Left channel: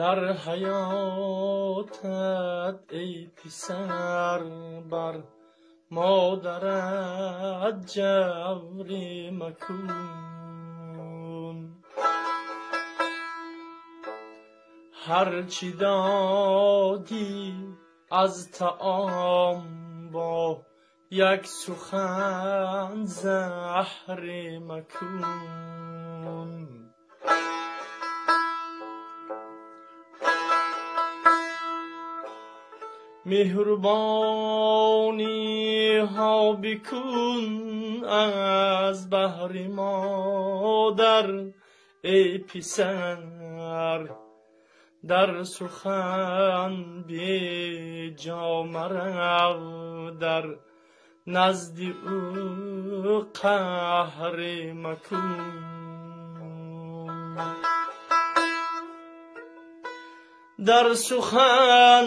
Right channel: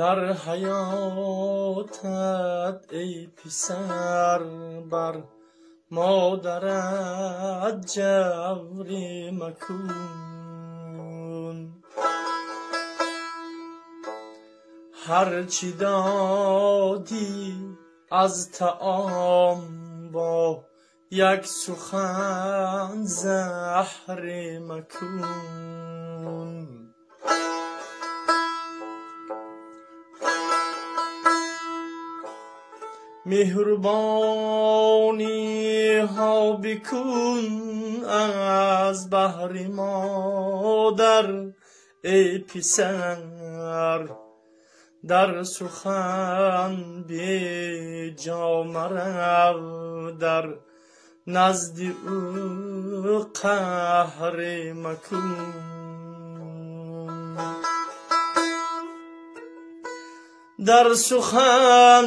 در حیاتت ای پسر بر مادرت جوری مکن. هرچی دادی از طعام با یک سخن زهر مکن. مهربانی ها بکن از بحر مادر ای پسر، در سخن بی جا مرو، در نزد او قهر مکن. در سخن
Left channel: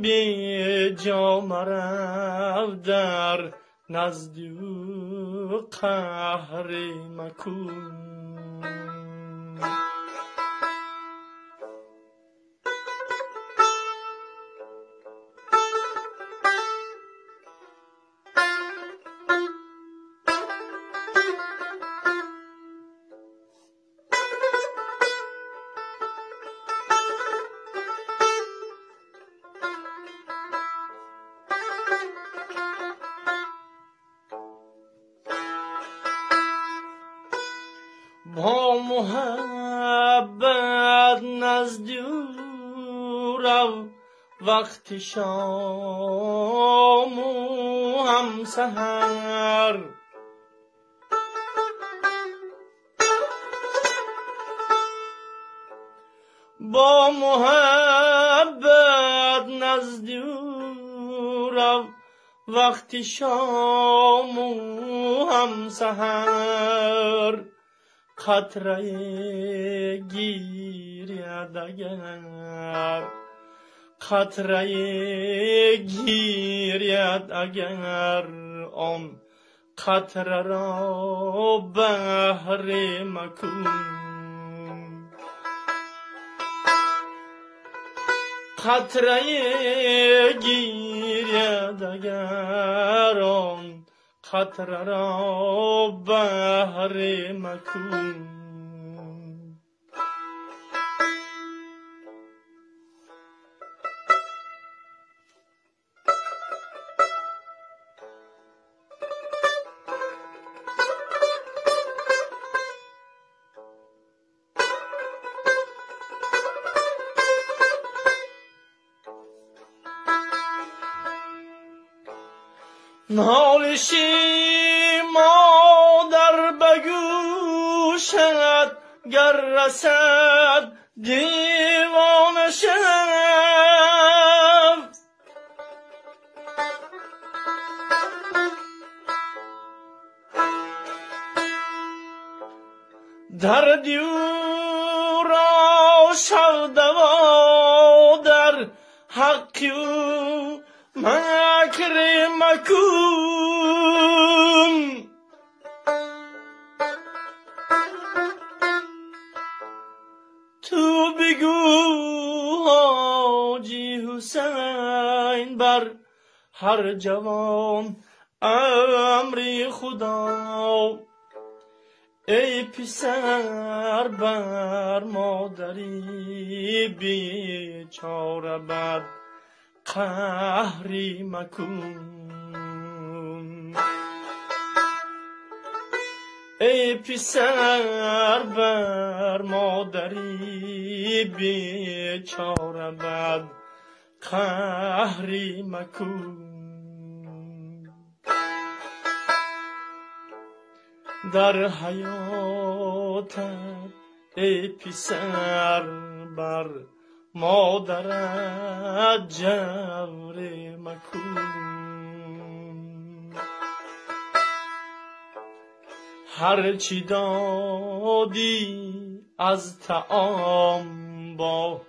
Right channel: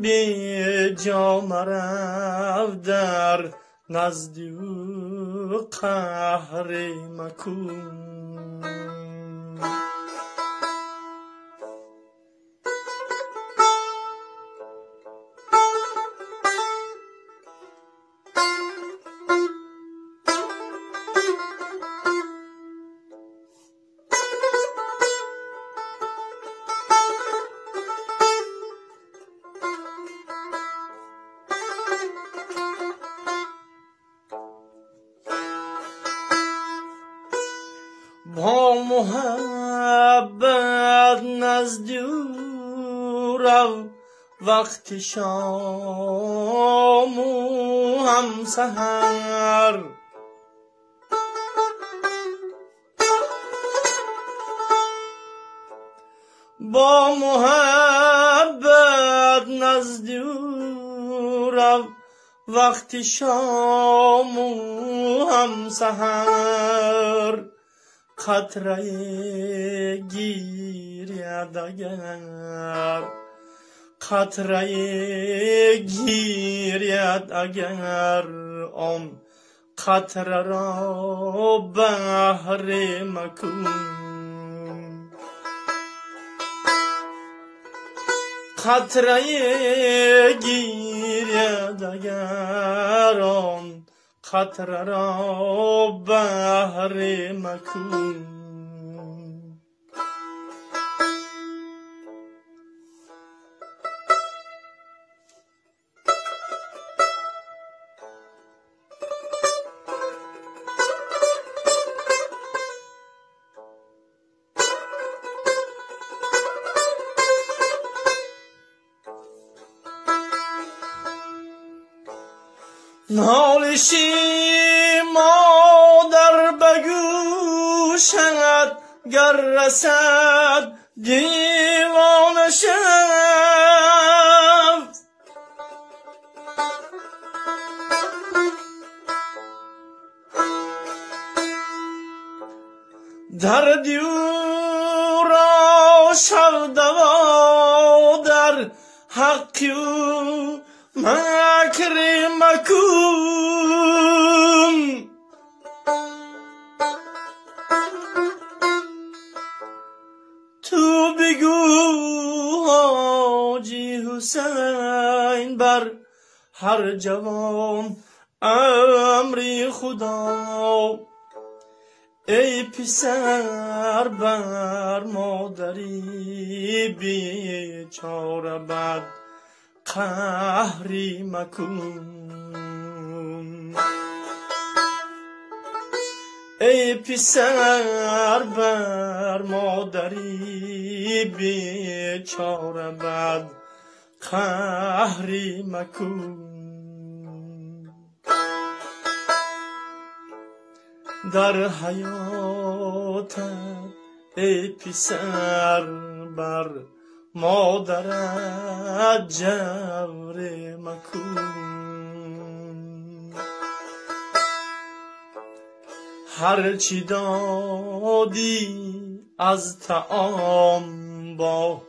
بی جا مرو، در نزد او قهر مکن. با محبت نزد او رو، وقت شام و هم سحر. با محبت نزد او رو، وقت شام و هم سحر. قطره گیرید اگر، قطره گیرید اگر، آن قطره را بحر مکن. قطره گیرید اگر، آن قطره را بحر مکن. نالشی مادر بگوشد، گر رسد دیوانه شد. دردی او را شود و در حق او مکر مکن. تو بگو حاجی حسین بر هر جوان امری خدا. ای پسر بر مادری بیچاره بد قهری مکن. ای پسر بر مادری بیچاره بد قهری مکن. در حیات ای پسر بر مادرت جور مکن. هرچی دادی از طعام با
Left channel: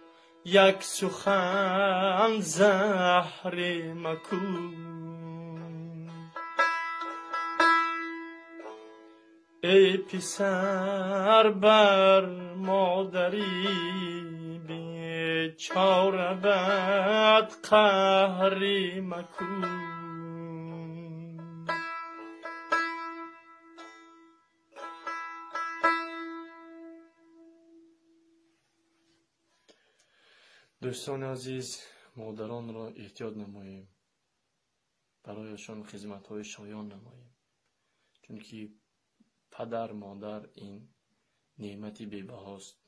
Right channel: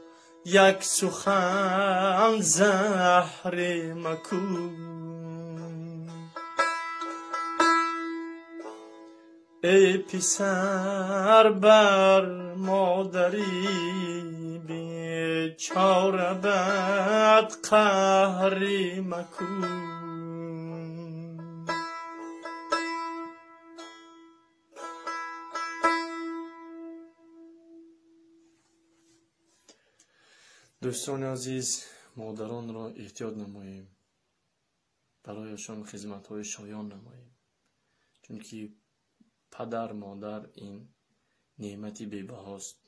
یک سخن زهر مکن. ای پسر بر مادری چارقت قهری مکن. دوستان عزیز، مادران را احتیاط نماییم، برایشان خدمت‌های شایان نماییم، چون که پدر مادر این نعمتی بی‌بهاست